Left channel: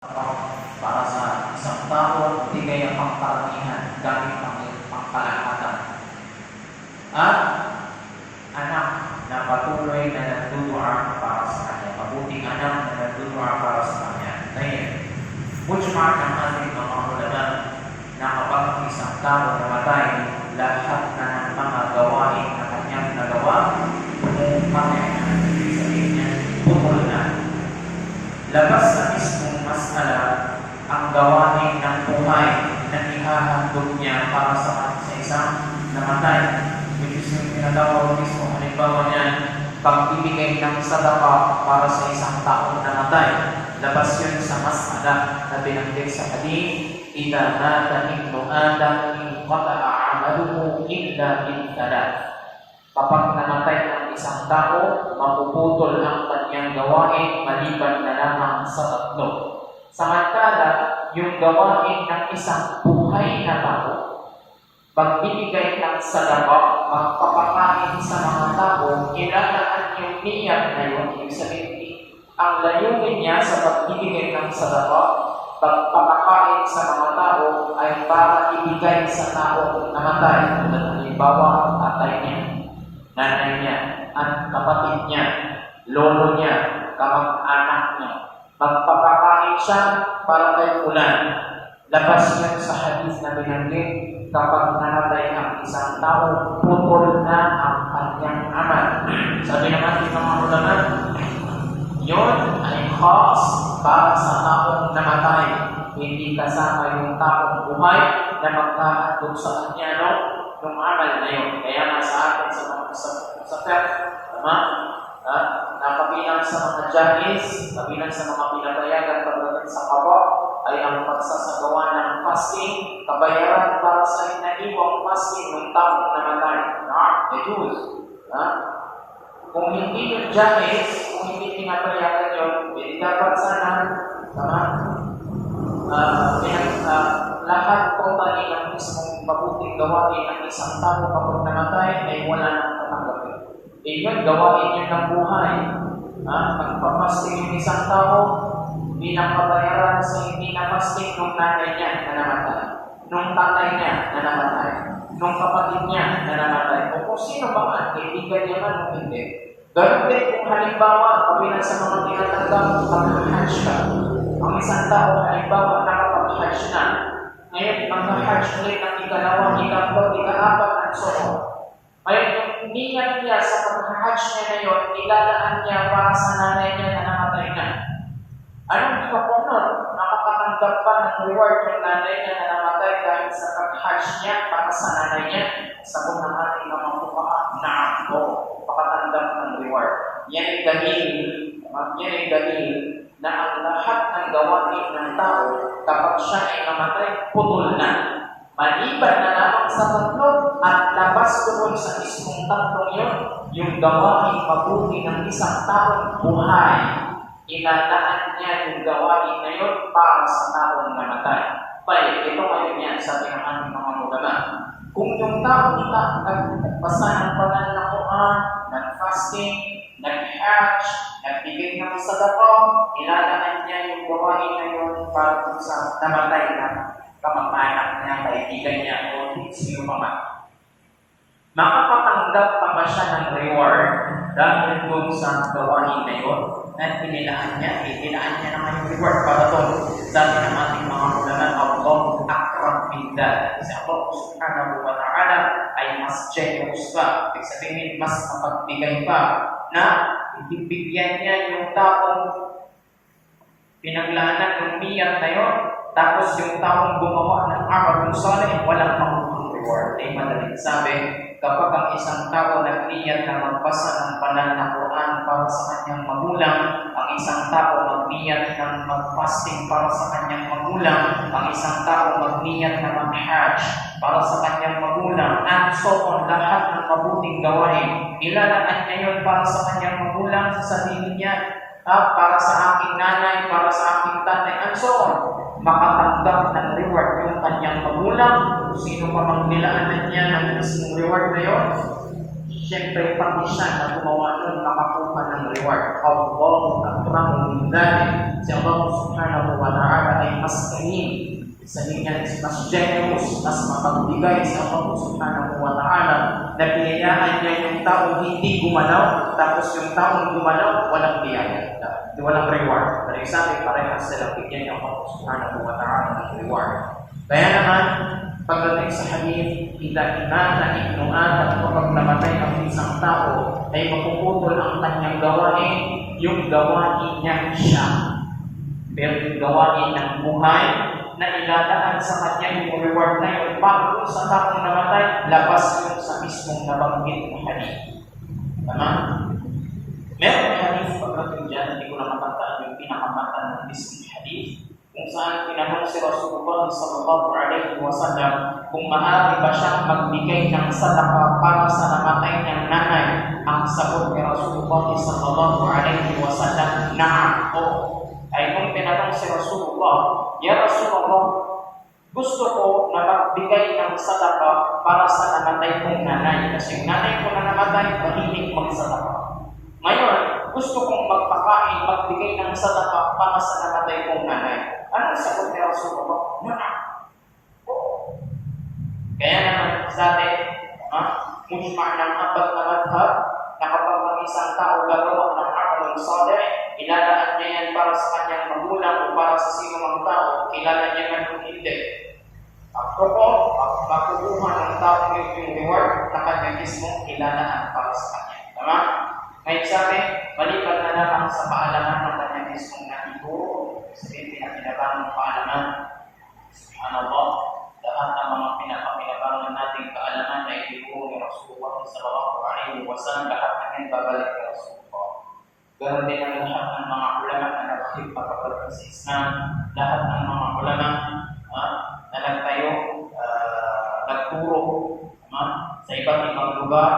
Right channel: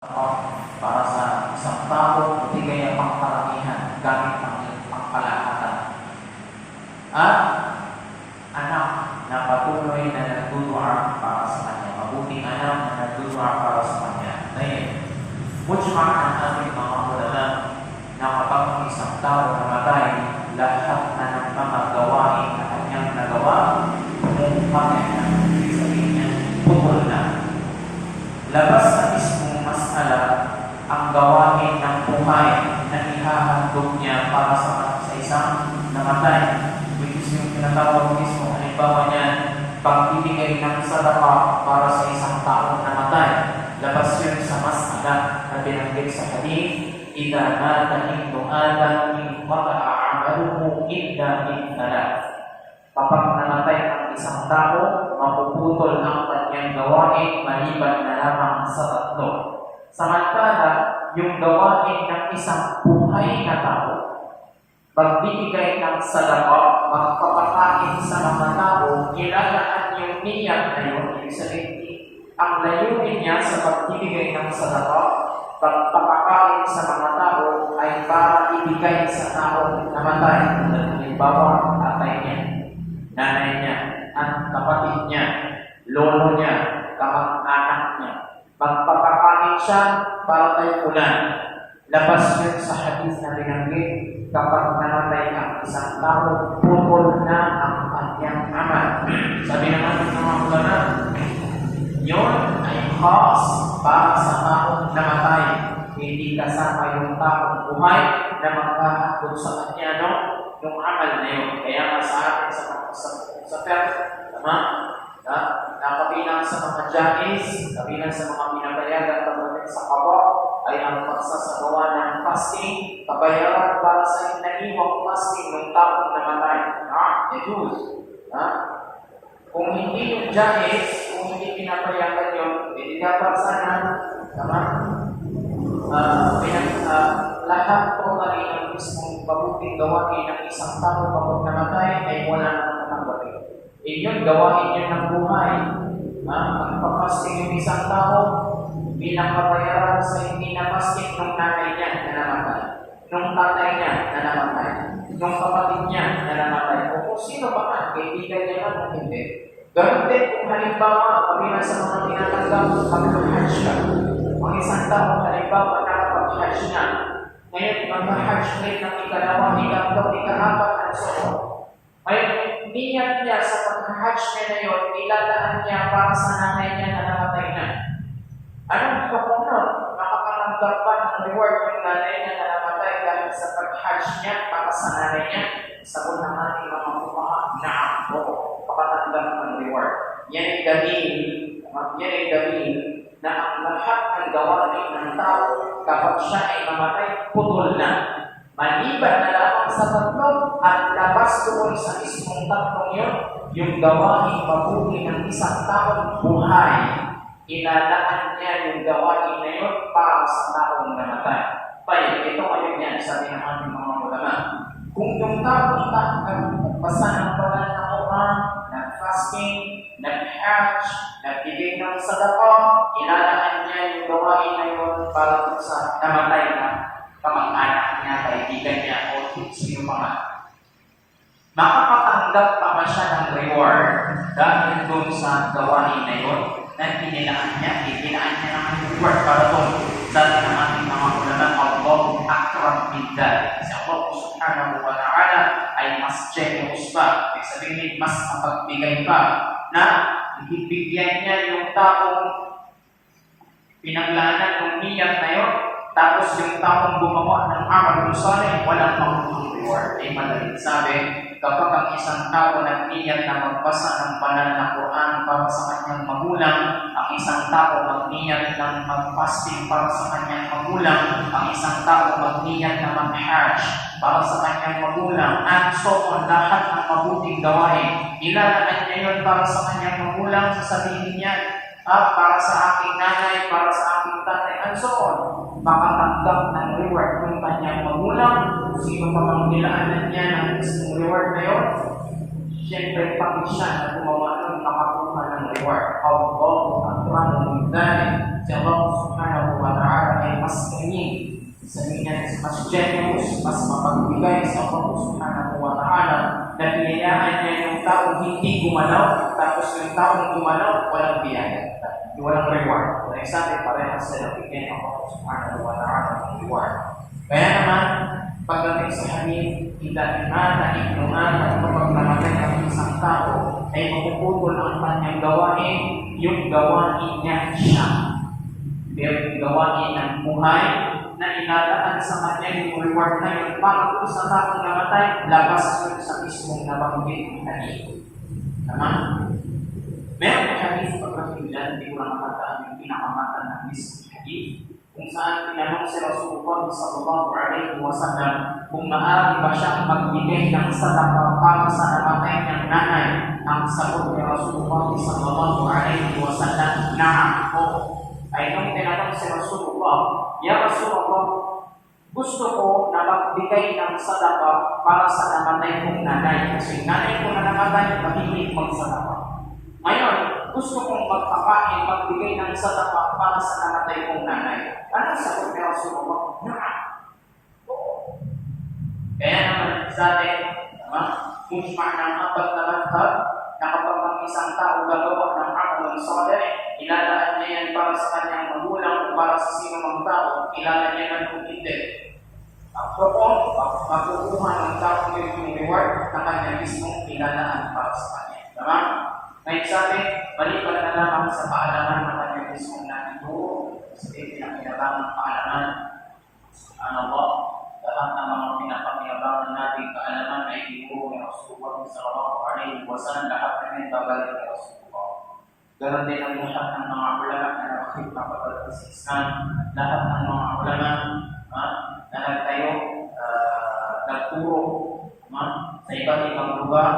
para sa isang tao, ibigay ang pangkaramihan gamit ang pangkalahatan. At anak na patuloy na nagdudua para sa kanya. Mabuting anak na nagdudua para sa kanya. Ngayon, mujma ng ating mga ulama na kapag ang isang tao namatay, lahat na ng mga gawain na kanyang nagawa, pumupamay na, ibig sabihin na, putol na. Labas sa mismong masala ang gawain ng buhay na ihahandog niya para sa isang namatay. Yung tinatawag mismo, halimbawa niya, pag-ibigay ng sadaka para sa isang taong namatay. Labas yun sa masala na binanggit sa hadith, "Idza mata ibnu Adam inqata'a 'amaluhu illa min thalath." Kapag namatay ang isang tao, mapuputol ang kanyang gawain maliban na lamang sa tatlo. Samantala, yung gawain ng isang buhay na tao, pagbibigay ng sadaka, magpapakain sa mga tao, ilalaan yung niyak na yun. Ibig sabihin, ang layunin niya sa pagbibigay ng sadaka, pagpapakain sa mga tao, ay para ibigay sa tao namatay. Halimbawa, tatay niya, nanay niya, at kapatid niya, lolo niya, kamag-anak niya. Magpapakain siya para kay ulan. Labas yan sa hadith na binanggit, kapag namatay ang isang tao, putol na ang kanyang amal. Sabi naman ng mga ulama, yun ay khas para sa taong namatay. Hindi kasama yung taong buhay na magkahandog sa kanya, yung amal na yun. Kaya nga sa atin sa tama? Nakabilang sa mga janis, kabilang sa mga pinabayagan pagdating sa kawa, ay ang pagsasagawa ng fasting, kabayaran para sa inaniwang fasting ng taong namatay. Ito. Kung hindi yung janis, kung hindi pinabayagan yun, hindi dapat sana, lahat totally ng mismong mabuting gawain ng isang tao kapag namatay ay wala nang tatanggapin. Yun, gawain yun ng buhay. Magpapasting yung isang tao, bilang kabayaran sa hindi na fasting nung nanay niya na namatay, nung tatay niya na namatay, nung kapatid niya na namatay, o kung sino ba man, kaibigan niya man o hindi. Ganun din kung halimbawa, kabilang sa mga tinatanggap, mag-hajj ka. Ang isang tao, halimbawa, nakapag-hajj na. Ngayon, mag-hajj ulit ng ikalawa, ikatlo, ikaapat, at so on. Ngayon, yung niyat niya sa pag-hajj niya na yun, ilalaan niya para sa nanay niya na namatay na. Anong kapunod? Nakakatanggap pa ng reward yung nanay niya na namatay dahil sa pag-hajj niya para sa nanay niya? Sagot ng ating mga kumaha, naam po, pakatanggap ng reward. Yan ay dalil na ang lahat ng gawain ng tao kapag siya ay mamatay, putol na. Maliban na lamang sa tatlo at labas doon sa mismong tatlong yun, yung gawain mabuti ng isang taong buhay. Ilalaan niya yung gawain na yun para sa taong namatay. Kaya ito ngayon yan, sabi ng ating mga ulama. Kung yung taong nagpasa ng banal na Quran, nag-fasting, nag-hajj, nagbigay ng sadaka, ilalaan niya yung gawain na yun para sa namatay na kamag-anak niya, kaibigan niya, o sino pa man. Makapatanggap pa ba siya ng reward dahil doon sa gawain na yun? Na pinilaan niya ng reward para doon. Sabi ng ating mga ulama, Allahu akram min dhalik. Kasi Allah subhanahu wa ta'ala ay mas generous pa. Ibig sabihin, mas mapagbigay pa na ibibigyan niya yung taong pinaglanan ng niyat na yun, tapos yung taong gumawa ng amal salih, walang makukuha reward. Ay madaling sabi, kapag ang isang tao nagniyat na magbasa ng banal na Quran para sa kanyang magulang, ang isang tao magniyat na mag-fasting para sa kanyang magulang, ang isang tao magniyat na mag-hajj para sa kanyang magulang, and so on, lahat ng mabuting gawain, ilalaan niya yun para sa kanyang magulang, sasabihin niya, para sa aking nanay, para sa aking tatay, and so on. Makatanggap ng reward yung kanyang magulang, sino pa mang nilaanan niya ng mismong reward na yun, siyempre pati siya na gumawa nun, ka ng reward. Allahu akramu min dhalik. Si Allah subhanahu wa ta'ala ay mas kanin. Sa niya, mas generous, mas mapagbigay sa Allah subhanahu wa ta'ala na binayaan niya yung taong hindi gumalaw, tapos yung taong gumalaw, walang biyaya, walang reward. Pero sabi, parehas sila bigyan niya Allah subhanahu wa ta'ala ng reward. Kaya naman, pagdating sa hadith, ila imana ibnu Adam, kapag namatay ang isang tao, ay mapuputol ang kanyang gawain, yung gawain niya siya. Pero yung gawain ng buhay, na ilalaan sa kanya yung reward na yun, para kung sa taong namatay, labas yun sa mismong nabanggit ng hadith. Tama? Meron hadith pagdating dyan, hindi ko na matandaan yung pinakamata ng mismong hadith, kung saan tinanong si Rasulullah sallallahu alaihi wasallam kung maaari ba siyang magbigay ng sadaka para sa namatay niyang nanay. Ang sagot ni Rasulullah sallallahu alaihi wasallam, na'am, o. Ay nung tinanong si Rasulullah, Ya Rasulullah, gusto ko na magbigay ng sadaka para sa namatay kong nanay. Kasi nanay ko na namatay, mahilig magsadaka. Ngayon, gusto kong magpakain, magbigay ng sadaka para sa namatay kong nanay. Anong sagot ni Rasulullah? Na'am. Oo. Kaya naman sa atin, mujma' ng apat na madhab, na kapag ang isang tao gagawa ng amalong salih, ilalaan niya yan para sa kanyang magulang o para sa sino mang tao, kilala niya man kung hindi. Apropos, makukuha ng tao yung reward na kanya mismo ilalaan para sa kanya. Tama? Ngayon sabi, balikan na lamang sa paalaman ng kanya mismong natuturo. Sabi, pinapinabangang paalaman. Subhanallah, lahat ng mga pinapinabangan nating kaalaman na ituturo ni Rasulullah sallallahu alaihi wasallam, lahat na yan babalik ni Rasulullah. Ganon din ang lahat ng mga ulama na nakakip na pagdating sa Islam, lahat ng mga ulama na nagtayo, nagturo sa iba't ibang lugar,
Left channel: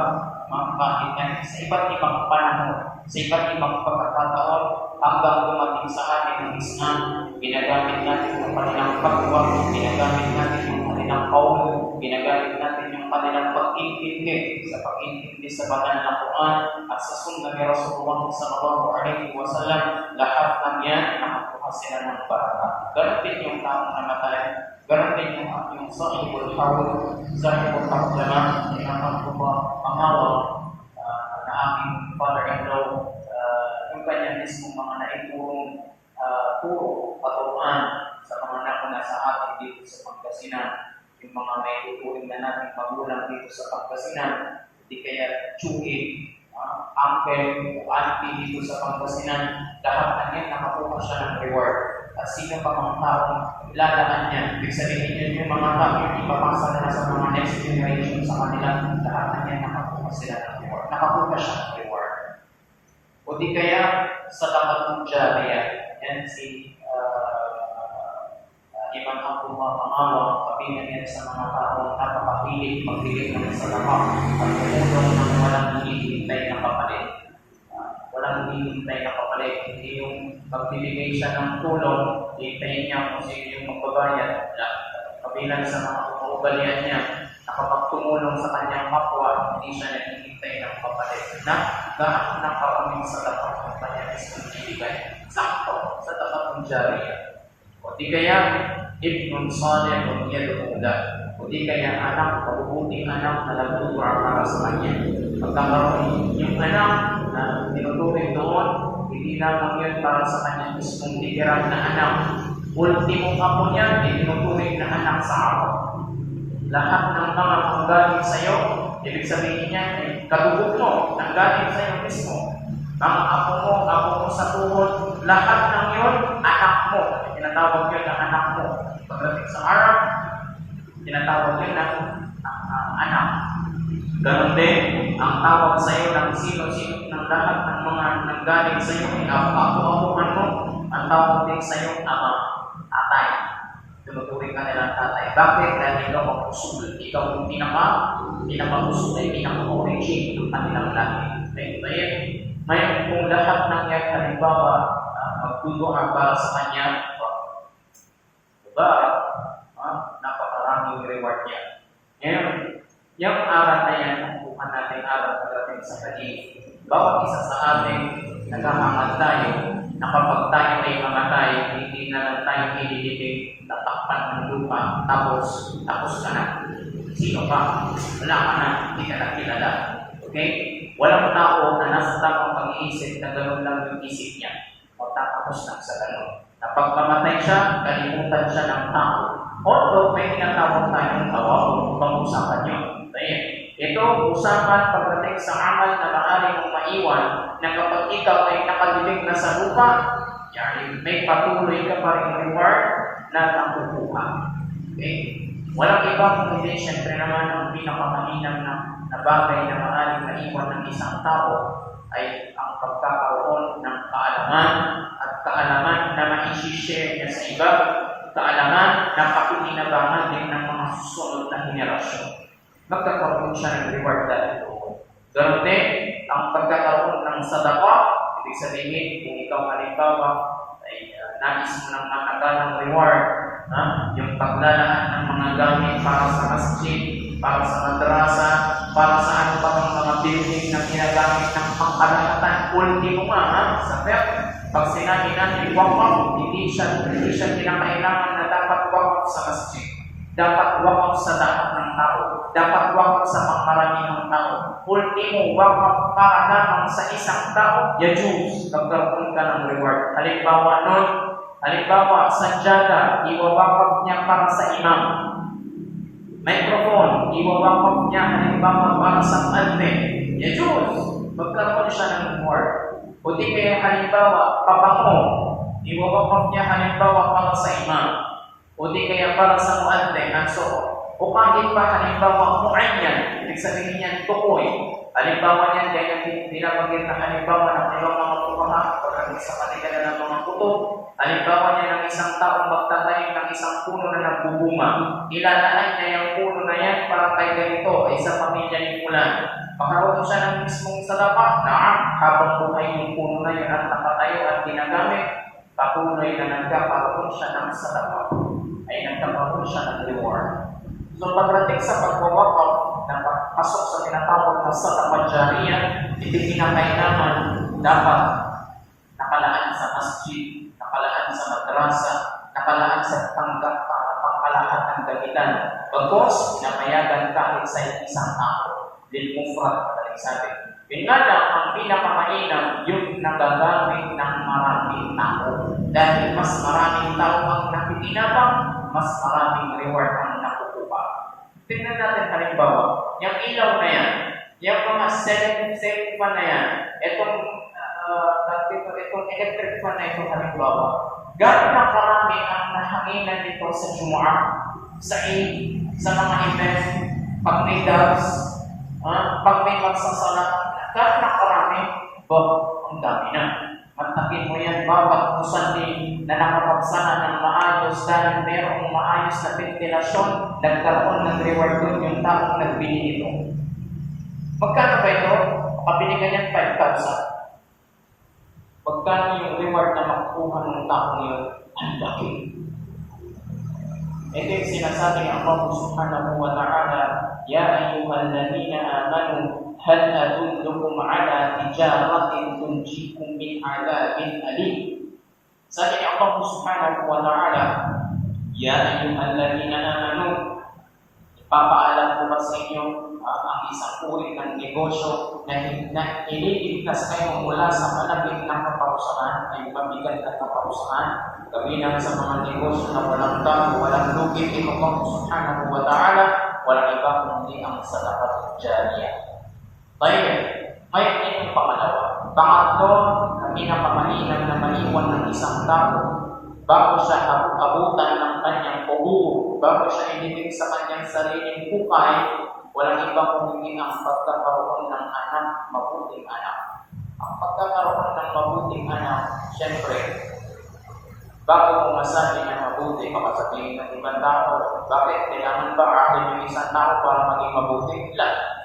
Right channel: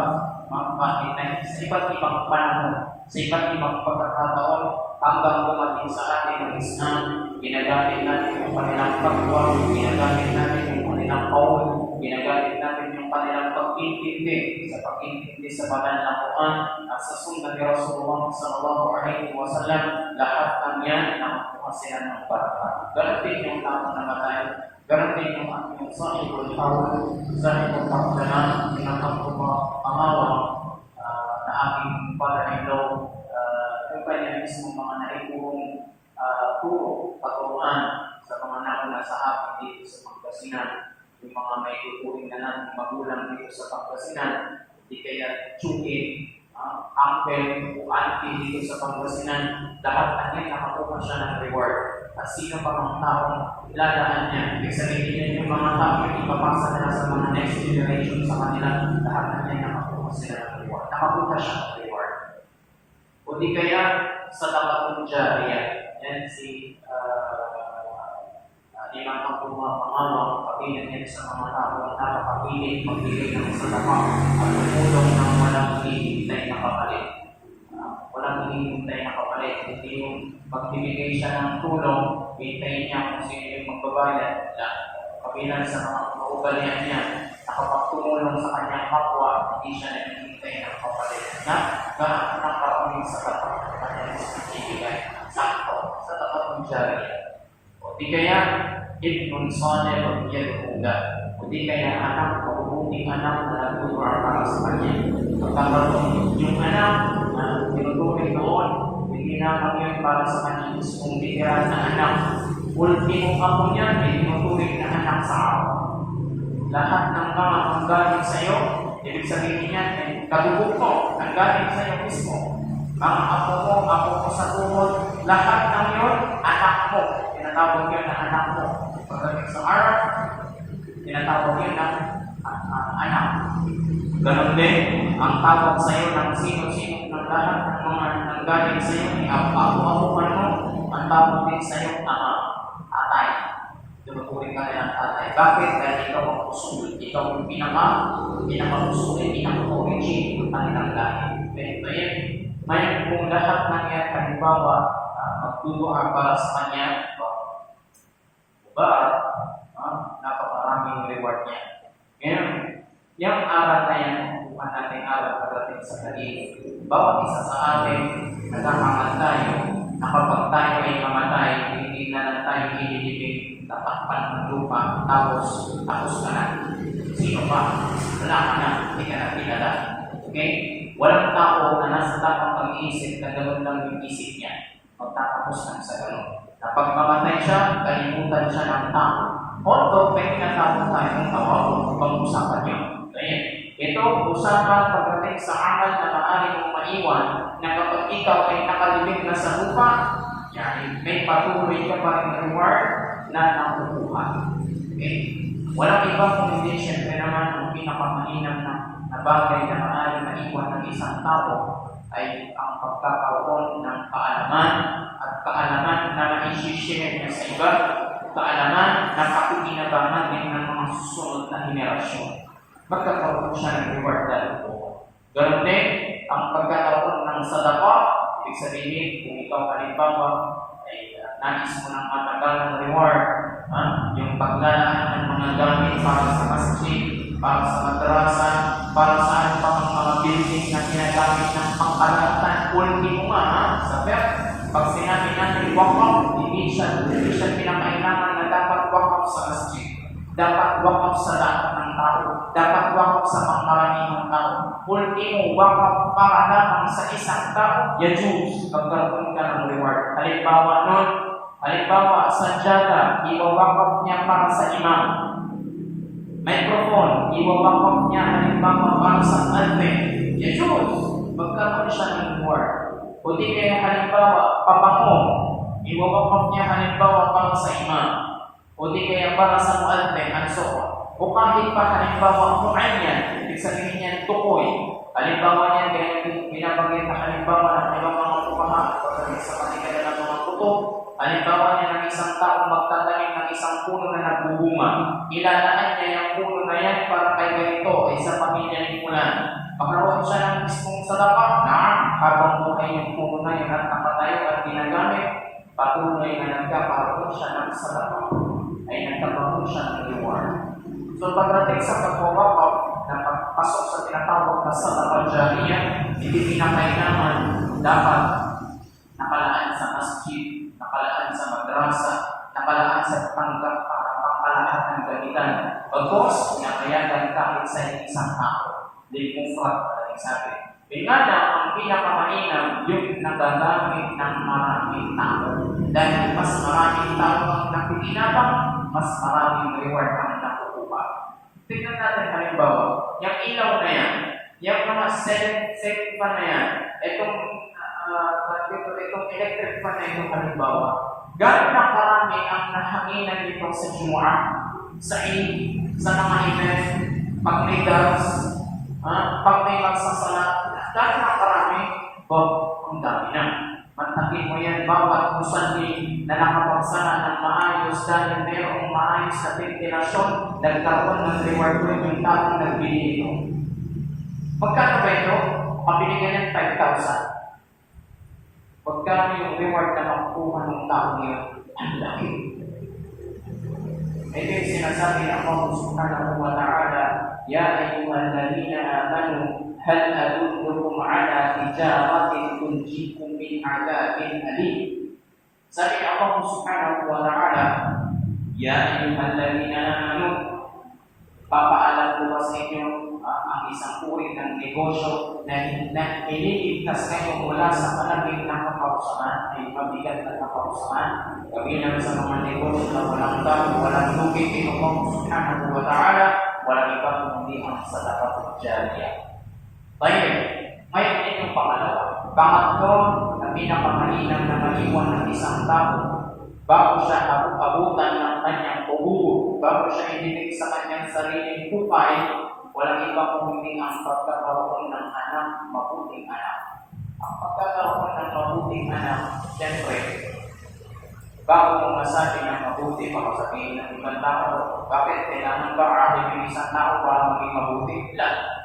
sa iba't ibang panahon, sa iba't ibang pagkakataon, hanggang dumating sa atin ng Islam, ginagamit natin yung kanilang pagwag, ginagamit natin yung kanilang qawl, ginagamit natin yung kanilang pag-intindi sa banal na Quran at sa sunnah ni Rasulullah sallallahu alaihi wasallam. Lahat ng yan nakakuha sila ng barakat. Ganon din yung taong namatay, ganon din yung ating sahibul hawl, sahibul taqdama, tinatangkupa, amawa na aking father-in-law, yung kanya mismo mga naiturong turo, paturuan sa mga nauna sa atin dito sa Pangasinan, yung mga may tuturing na natin magulang dito sa Pangasinan, di kaya tsuin, uncle o auntie dito sa Pangasinan, lahat na niya nakakuha siya ng reward. At sino pa mga taong ilalaan niya, ibig sabihin niya yung mga taong yung ipapasa nila sa mga next generation sa kanila, lahat na niya nakakuha sila ng reward. Nakakuha siya ng reward. O di kaya sa Tabatong Jariyah, yan si Imam Abdullah Pangawa, kabilang yan sa mga taong napakapilit magbigay ng sadaka at tumulong ng walang hinihintay na kapalit. Walang hinihintay na kapalit. Hindi yung magbibigay siya ng tulong, hintayin niya kung sino yung magbabayad. Kabilang sa mga kaugalian niya, na kapag tumulong sa kanyang kapwa, hindi siya naghihintay ng kapalit. Gaano ng karaming sadaka ang kanyang ibigay. Sakto sa Tabatong Jariyah. O di kaya, ibnun salih o yad'ula. O di kaya anak, mabubuting anak na nagtuturo para sa kanya. Pagkakaroon yung anak na tinuturing noon, hindi lamang yun para sa kanyang mismong titiran na anak. Ultimong ako niya, tinuturing na anak sa araw. Lahat ng mga ang galing sa iyo, ibig sabihin niya, kadugog mo, ang galing sa iyo mismo. Mga ako mo sa tuhod, lahat ng yun, anak mo. Tinatawag yun ng anak mo. Pagdating sa Arab, tinatawag yun ng anak. Ganon din, ang tawag sa iyo ng sino-sino ng lahat ng mga nanggaling sa iyo, ako-apuhan mo, ang tawag din sa iyo, atay. Tunuturing ka nilang tatay. Bakit? Dahil ikaw ang usul. Ikaw yung pinaka-usul ay pinaka-origin ng kanilang lahi. Ngayon, kung lahat ng yan, halimbawa, magduduha para sa kanya, diba? Napakaraming reward niya. Ngayon, yung aral na yan, bukan natin aral pagdating sa hadith. bawat isa sa atin naghahangat tayo na kapag tayo ay mamatay, hindi na lang tayo ililibing, tatakpan ng lupa, tapos ka na. Sino pa? Wala ka na, hindi ka na kilala. Okay? Walang tao na nasa tamang pag-iisip na gano'n lang yung isip niya. Magtatapos lang sa gano'n. Na pag mamatay siya, kalimutan siya ng tao. Although, may tinatawag tayong tawag kung pag-usapan niyo. Ito, usapan pagdating sa amal na maaari mong maiwan na kapag ikaw ay nakalibing na sa lupa, may patuloy ka pa rin reward na nakukuha. Okay? Walang iba kung hindi, siyempre naman ang pinakamahinang na bagay na maaari maiwan ng isang tao ay ang pagkakaroon ng kaalaman at kaalaman na ma-share niya sa iba, kaalaman na pakikinabangan din ng mga susunod na henerasyon. Magkakaroon siya ng reward dahil po. Ganun din, ang pagkakaroon ng sadaqah, ibig sabihin, kung ikaw halimbawa ay nais mo ng matagal ng reward, yung paglalaan ng mga gamit para sa masjid, para sa madrasa, para sa ano pa mga building na ginagamit ng pangkalahatan, ultimo nga, sa pag sinabi natin wakaf, hindi siya kinakailangan na dapat wakaf sa masjid. Dapat wakaf sa lahat ng tao. Dapat wakaf sa pangkaramihang tao. Ultimo, wakaf para lamang sa isang tao. Yajuz, magkaroon ka ng reward. Halimbawa, sanjada, iwawakaf niya para sa imam. Microphone, iwawakaf niya halimbawa para sa ante. Yajuz, magkaroon siya ng reward. O di kaya halimbawa, papango, iwawakaf niya halimbawa para sa imam. O di kaya para sa muadhin, ang soon. O kahit pa halimbawa mu'anyan, ibig sabihin niyan tukoy. Halimbawa niyan, kaya binabagit na halimbawa ng ibang mga pukaha, pagdating sa katigalan ng mga kuto. Halimbawa niya ng isang taong magtatanim ng isang puno na nagbubunga. Ilalaan niya yung puno na yan para kay ganito ay sa pamilya ni Fulan. Pagkaroon siya ng mismong sadaqah, habang buhay yung puno na yun at nakatayo at ginagamit, patuloy na nagkakaroon siya ng sadaqah, ay nagkakaroon siya ng reward. So pagdating sa pagwawakaf na pagpasok sa tinatawag na sadaqah jariyah, hindi kinakailangan dapat nakalaan sa masjid, nakalaan sa madrasa, nakalaan sa tanggap para pangkalahat ng gamitan. Bagkos, pinapayagan kahit sa isang tao. Lil mufrad, madaling sabi. Yun nga lang, ang pinakamainam, yung nagagamit ng maraming tao. Dahil mas maraming tao ang nakikinabang, mas maraming reward ang nakukuha. Tingnan natin halimbawa, yung ilaw na yan, yung mga cell fan na yan, itong electric fan na itong halimbawa, gano'n na karami ang nahanginan dito sa Jumu'ah, sa Eid, sa mga event, pag may dars, pag may magsasala, gano'n na karami, ang dami na. Mantakin mo yan, bawat musali na nakapagsala ng maayos dahil mayroong maayos na ventilasyon, nagkaroon ng reward doon yung taong nagbili ito. Magkano ba ito? Makabili ka yan 5,000. Magkano yung reward na makukuha ng taong yun? Ang laki. Ito yung sinasabi ng Allah subhanahu wa ta'ala, Ya ayyuhalladhina amanu, hal adullukum ala tijaratin tunjikum min adabin alim. Sabi ng Allah subhanahu wa ta'ala, Ya ayyuhalladhina amanu, ipapaalam ko ba sa inyo ang isang uri ng negosyo na ililigtas kayo mula sa palaging ng kaparusahan, ay mabigat na kaparusahan, kabilang sa mga negosyo na walang bago, walang lugi, ito Allah subhanahu wa ta'ala, walang iba kundi ang sadaqah jariyah. Tayo, ngayon ay yung pangalawa. Pangatlo, na pinakamainam na maiwan ng isang tao bago siya abutan ng kanyang pugugo, bago siya inibig sa kanyang sariling hukay, walang iba kundi ang pagkakaroon ng anak, mabuting anak. Ang pagkakaroon ng mabuting anak, siyempre, bago mong masabi na mabuti, baka sabihin ng ibang tao, bakit kailangan ba atin yung isang tao para maging mabuti? Lahat.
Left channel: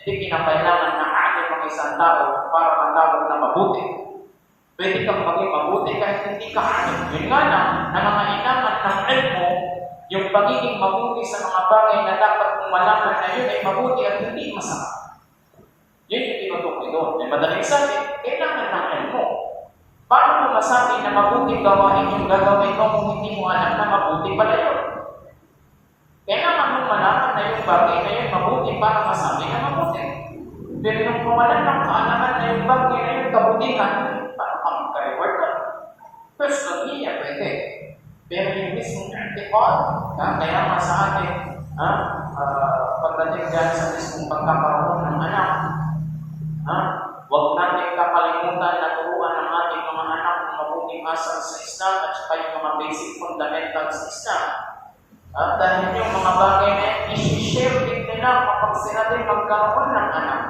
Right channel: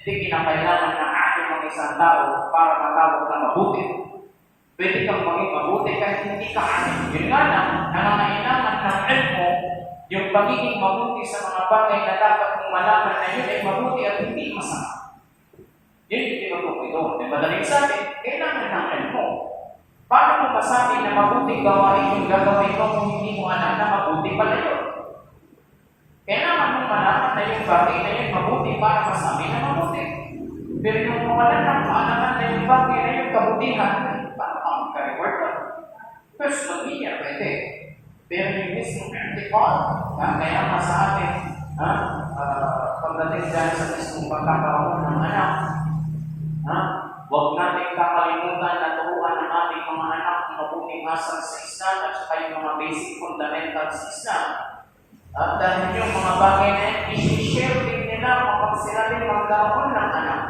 Hindi kinakailangan na atin ang isang tao para matawag na mabuti. Pwede kang maging mabuti kahit hindi ka atin. Yun nga lang, nangangailangan ng ilmo, yung pagiging mabuti sa mga bagay na dapat mong malaman na yun ay mabuti at hindi masama. Yun yung tinutukoy doon. May madaling sabi, kailangan ng ilmo. Paano mo masabi na mabuting gawain yung gagawin mo kung hindi mo alam na mabuti pala yun? Kailangan mong malaman na yung bagay na yun mabuti para masabi na mabuti. Pero nung mawalan ng kaalaman na yung bagay na yun kabutihan, paano ka magka-reward doon? Personally, pwede. Pero yung mismong article, kaya naman sa atin, pagdating dyan sa mismong pagkakaroon ng anak, huwag natin kakalimutan na turuan ng ating mga anak ng mabuting asal sa Islam at saka yung mga basic fundamentals sa Islam. At dahil yung mga bagay na yan, isi-share din nila kapag sila din magkaroon ng anak.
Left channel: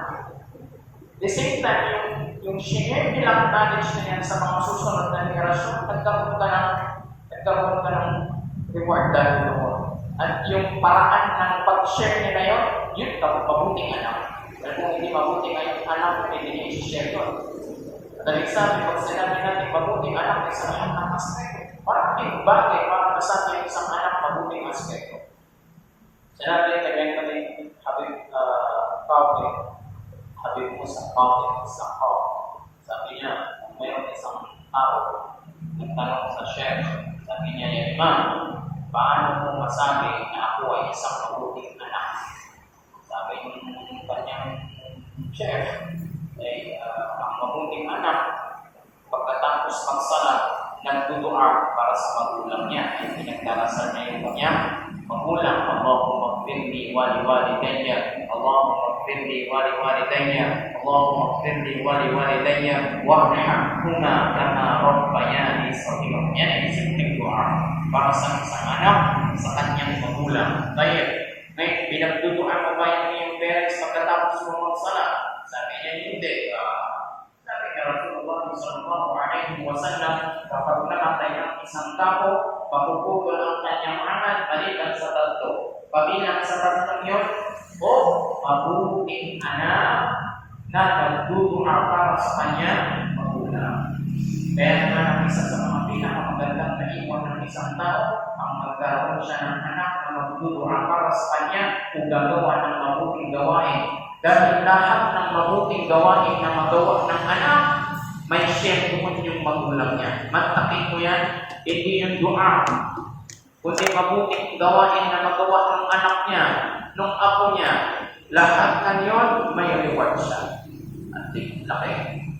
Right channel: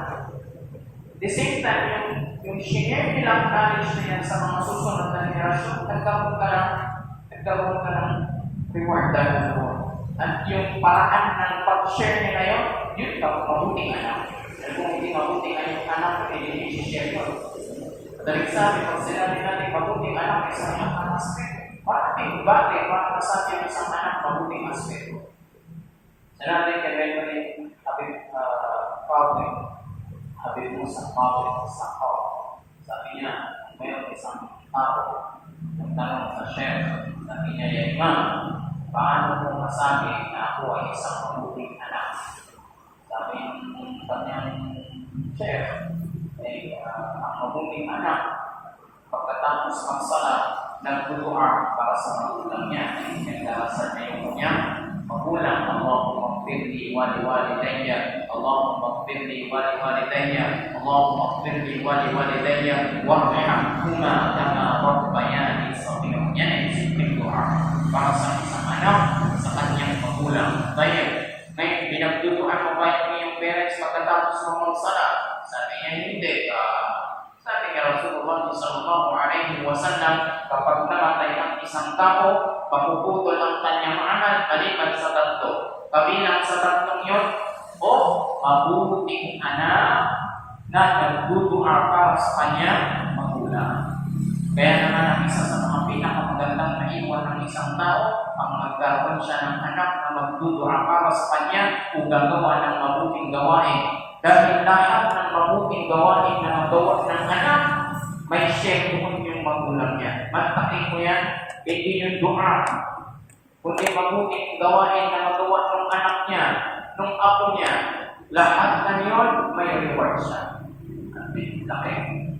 The same time, yung share nilang knowledge na yan sa mga susunod na henerasyon, nagkaroon ka ng reward dahil doon. At yung paraan ng pag-share nila yun, yun mabuting anak. Dahil kung hindi mabuting ang anak, hindi i-share yun. At ang sabi, pag sinabi natin mabuting anak, isa lahat ng aspekto. Maraming bagay para masabi ang isang anak mabuting aspekto. Sinabi kay Benjamin Habib Musa Qabil sa Qaw. Sabi niya, kung mayroon isang tao nagtanong sa chef, sabi niya, ya Imam, paano mo masabi na ako ay isang mabuting anak? Sabi ng kanyang chef, ang mabuting anak, pagkatapos magsalat, nagdudua para sa magulang niya, ay pinagdarasal na yung kanyang magulang. Allahumma gfirli wa liwalidayya, Allahumma gfirli wa liwalidayya, Allahumma gfirli wa liwalidayya, warhamhuma kama rabbayani saghira. Yan ay simpleng dua para sa isang anak sa kanyang magulang. Ngayon, pinagduduan mo ba yung parents pagkatapos mo magsalat? Sabi niya, hindi. Sabi niya Rasulullah sallallahu alaihi wasallam, kapag namatay ang isang tao, mapuputol ang kanyang amal maliban sa tatlo. Kabilang sa tatlong yun, o mabuting anak na nagdudua para sa kanyang magulang. Kaya naman ang isa sa mga pinakamagandang naiwan ng isang tao, ang magkaroon siya ng anak na magdudua para sa kanya o gagawa ng mabuting gawain. Dahil lahat ng mabuting gawain na magawa ng anak, may share doon yung magulang niya. Matakin mo yan, hindi yung dua. Kundi mabuting gawain na magawa ng anak niya, ng apo niya, lahat ng yun, may reward siya. Ang laki.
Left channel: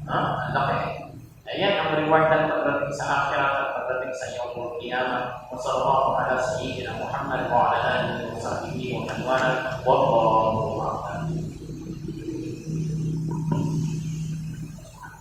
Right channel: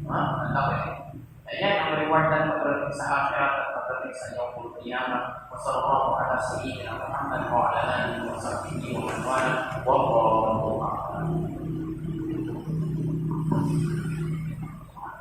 Ang laki. Ayan ang reward na pagdating sa akhirat at pagdating sa Yawmul Qiyamah. Wa sallallahu ala sayyidina Muhammad wa ala alihi wa sahbihi wa man wala. Wallahu a'lam.